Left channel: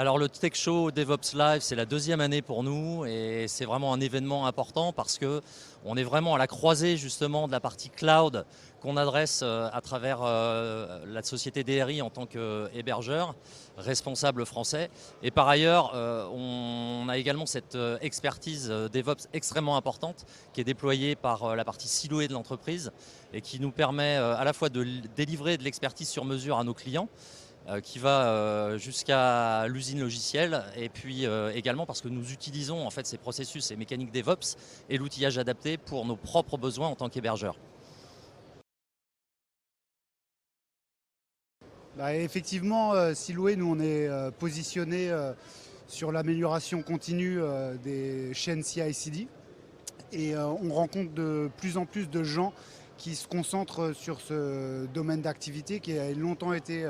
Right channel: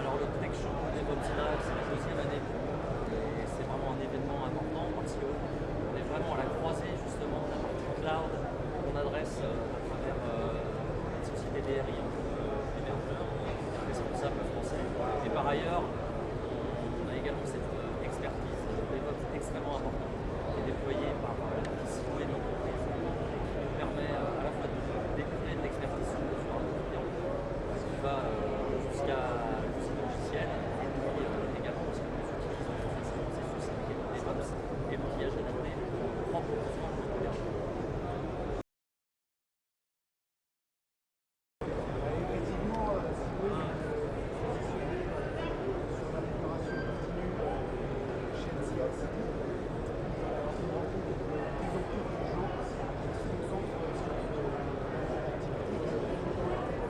Alors le Tech Show DevOps Live, c'est la deuxième année pour nous et c'est vraiment un événement important parce que on est vraiment à la croisée justement de la partie cloud qu'on adresse à travers la société DRI en tant qu'hébergeur, responsable français. Et par ailleurs, on a également cette expertise DevOps extrêmement importante qui est déployée par la partie siloée de l'entreprise et qui nous permet à la fois de délivrer de l'expertise sur mesure à nos clients, qui va jusqu'à l'usine logicielle et puis également parce que nous utilisons en fait ces processus et mécaniques DevOps et l'outillage adapté pour nos propres besoins en tant qu'hébergeur. Effectivement, Siloé, nous on est positionné sur l'amélioration continue des chaînes CI/CD et on rencontre de plus en plus de gens qui se concentrent sur ce domaine d'activité qui a longtemps été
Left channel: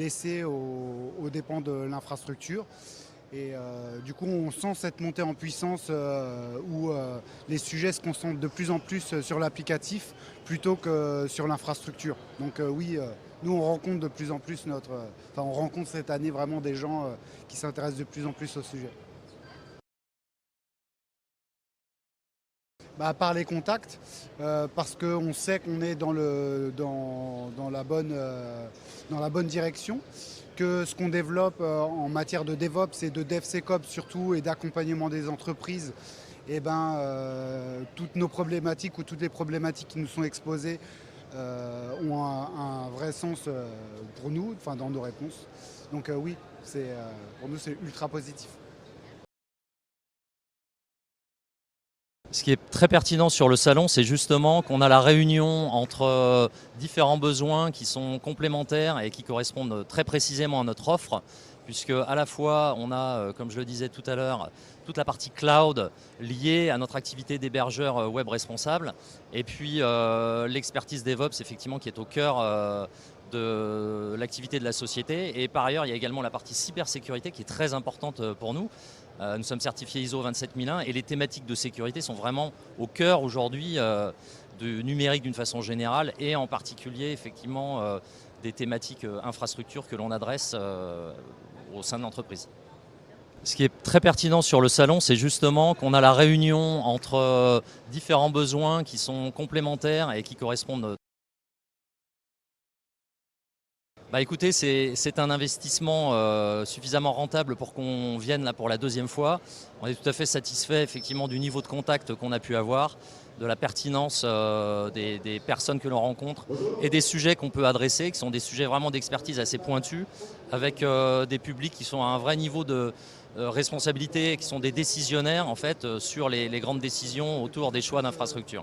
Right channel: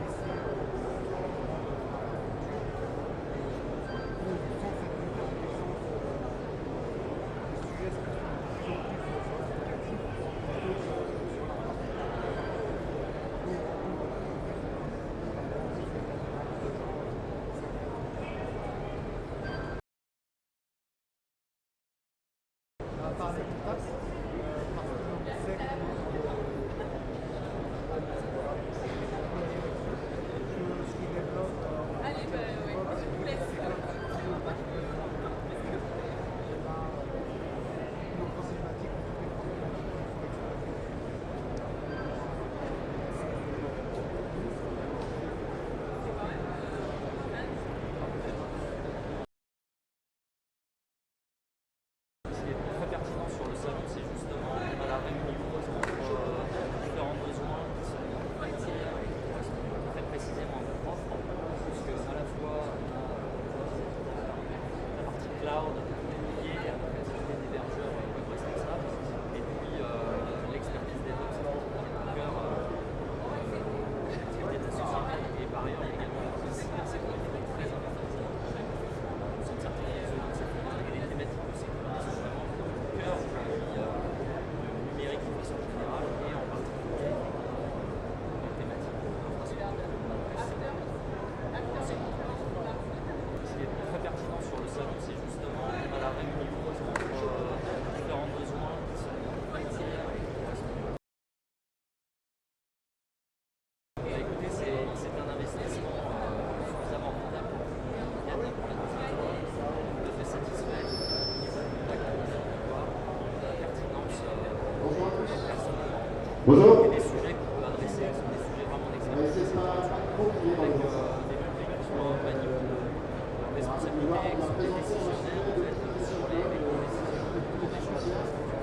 laissé aux dépens de l'infrastructure. Et du coup, on sent cette montée en puissance où les sujets se concentrent de plus en plus sur l'applicatif plutôt que sur l'infrastructure. Donc oui, nous on rencontre de plus en plus on rencontre cette année vraiment des gens qui s'intéressent de plus en plus au sujet. Par les contacts, parce qu'on sait qu'on est dans la bonne direction, que ce qu'on développe en matière de DevOps et de DevSecOps surtout et d'accompagnement des entreprises, toutes nos problématiques ou toutes les problématiques qui nous sont exposées ont un vrai sens pour nous, dans nos réponses. Donc oui, c'est ultra positif. Ce qui est très pertinent sur le salon, c'est justement qu'on a la réunion entre différents besoins qui sont complémentaires et qui correspondent très précisément à notre offre, puisque à la fois on a, comme je le disais tout à l'heure, toute la partie cloud liée à notre activité d'hébergeur web responsable, et puis l'expertise DevOps effectivement qui est au cœur de l'activité de la société. Et par ailleurs, il y a également la partie cybersécurité qui est très importante pour nous. Nous sommes certifiés ISO 27001 et les thématiques de sécurité sont vraiment au cœur aujourd'hui du numérique d'une façon générale et en particulier effectivement des thématiques infrastructures que l'on adresse au sein de l'entreprise. Ce qui est très pertinent sur le salon, c'est justement qu'on a la réunion entre différents besoins qui sont complémentaires et qui correspondent. Écoutez, c'est un investissement suffisamment rentable pour qu'on vienne là pour la deuxième fois. On est tout à fait satisfait effectivement du niveau de contact qu'on a pu avoir, de la pertinence des personnes que l'on rencontre et des sujets qu'on peut adresser, qui sont des sujets vraiment d'expertise assez pointus, avec des publics qui sont à un vrai niveau de responsabilité, qui sont des décisionnaires en fait sur les grandes décisions autour des choix d'infrastructure.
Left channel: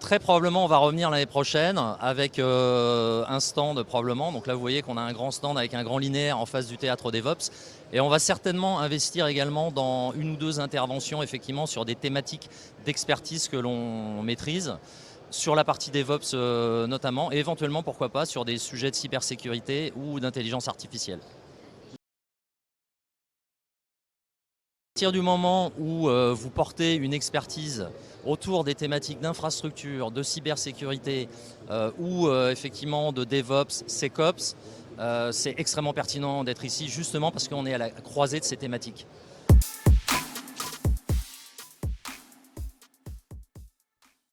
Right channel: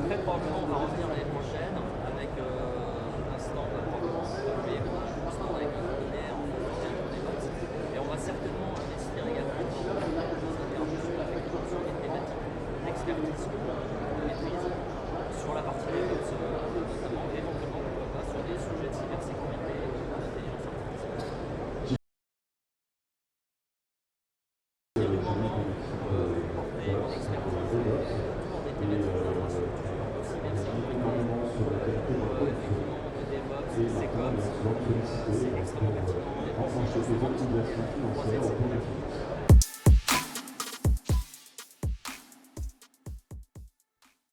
Très probablement on va revenir l'année prochaine avec un stand probablement. Donc là vous voyez qu'on a un grand stand avec un grand linéaire en face du théâtre DevOps. Et on va certainement investir également dans une ou deux interventions effectivement sur des thématiques d'expertise que l'on maîtrise, sur la partie DevOps notamment, et éventuellement pourquoi pas sur des sujets de cybersécurité ou d'intelligence artificielle. À partir du moment où vous portez une expertise autour des thématiques d'infrastructure, de cybersécurité ou effectivement de DevOps, SecOps, c'est extrêmement pertinent d'être ici justement parce qu'on est à la croisée de ces thématiques.